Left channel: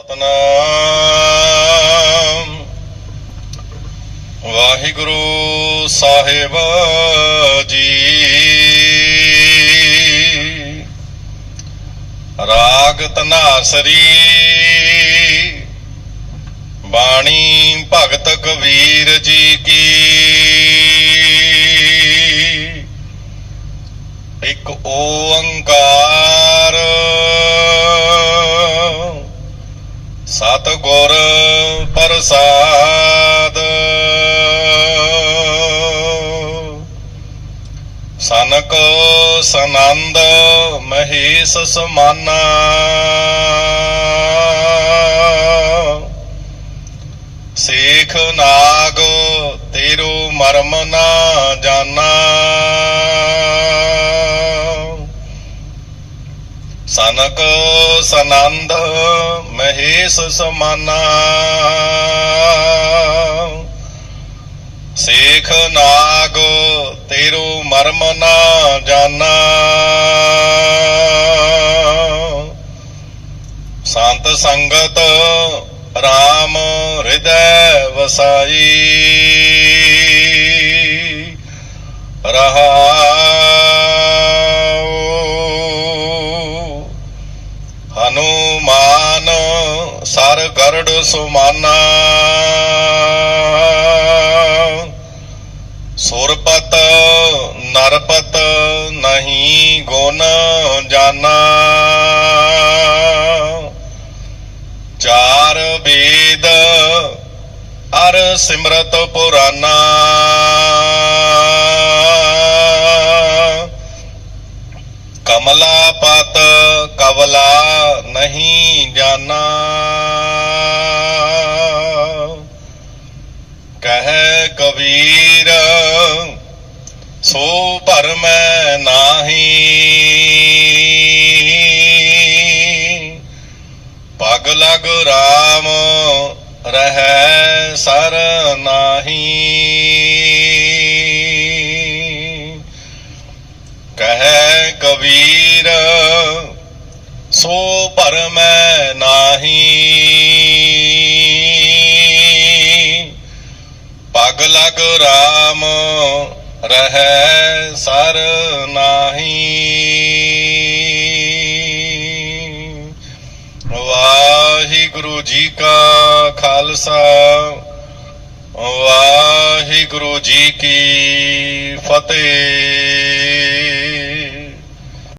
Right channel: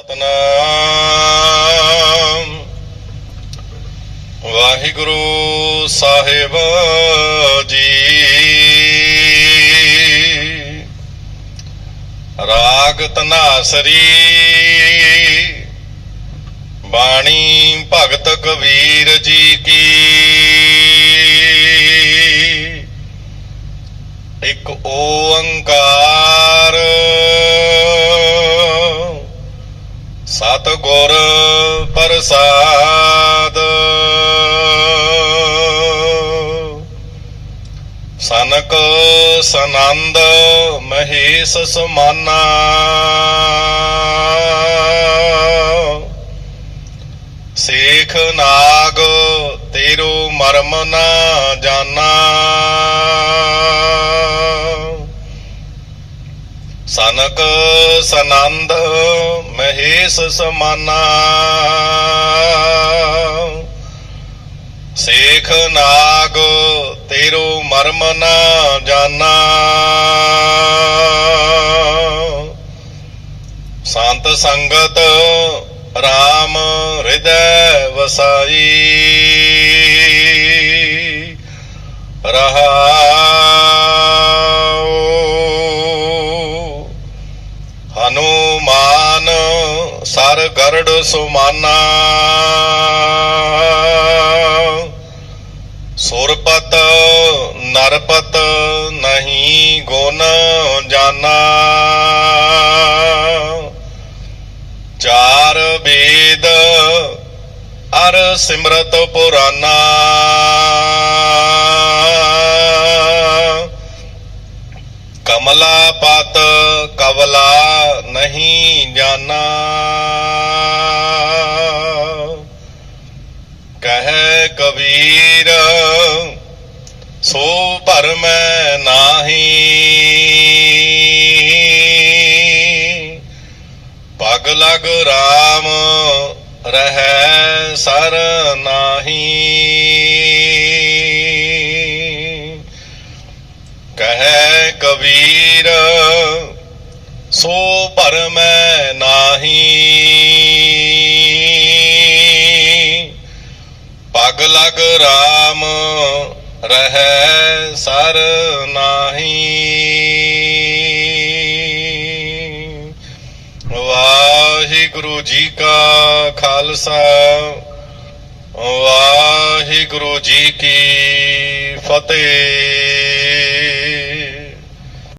ਸਤਨਾਮ। ਵਾਹਿਗੁਰੂ ਸਾਹਿਬ ਜੀ। ਰਾਗ ਤਨਾਸਰੀ। ਬਾਣੀ ਭਗਤ ਕਬੀਰ ਜੀ। ਪ੍ਰਸਾਦ। ਸਨਕ ਸਨੰਦ ਮਹੇਸ਼ ਸਮਾਨਾ। ਸੇਖ ਨਾਗ ਤੇਰੋ ਮਰਮ ਨਾ ਜਾਣਾ ਸਨਕ ਸਨੰਦ ਮਹੇਸ਼ ਸਮਾਨਾ। ਸੇਖ ਨਾਗ ਤੇਰੋ ਮਰਮ ਨਾ ਜਾਣਾ ਸੰਤ ਸੰਗਤ RAM ਹਿਰਦੈ ਵਸਾਈ। ਰਹਾਉ ਹਨੂਮਾਨ ਸਰ ਗਰੜ ਸੁਮਾਨਾ। ਸੁਰਪਤ ਨਰਪਤ ਨਹੀਂ ਗੁਣ ਜਾਣਾ ਚਾਰ ਵੇਦ ਅਰ ਸਿਮਰਤ ਪੁਰਾਨਾ। ਕਮਲਾ ਪਤ ਕਵਲਾ ਨਹੀਂ ਜਾਣਾ। ਕਹੇ ਕਬੀਰ, ਸੋ ਭਰਮੈ ਨਾਹੀ। ਪਗ ਲਗ ਰਾਮ, ਰਹਿ ਸਰ ਨਾਹੀ। ਵੀਰ ਕਬੀਰ ਸੋ ਭਰਮੈ ਨਾਹੀ। ਪਗ ਲਗ RAM ਰਹੈ ਸਰ ਨਾਹੀ। ਵਾਹਿਗੁਰੂ ਜੀ ਕਾ ਖਾਲਸਾ, ਵਾਹਿਗੁਰੂ ਜੀ ਕੀ ਫਤਿਹ।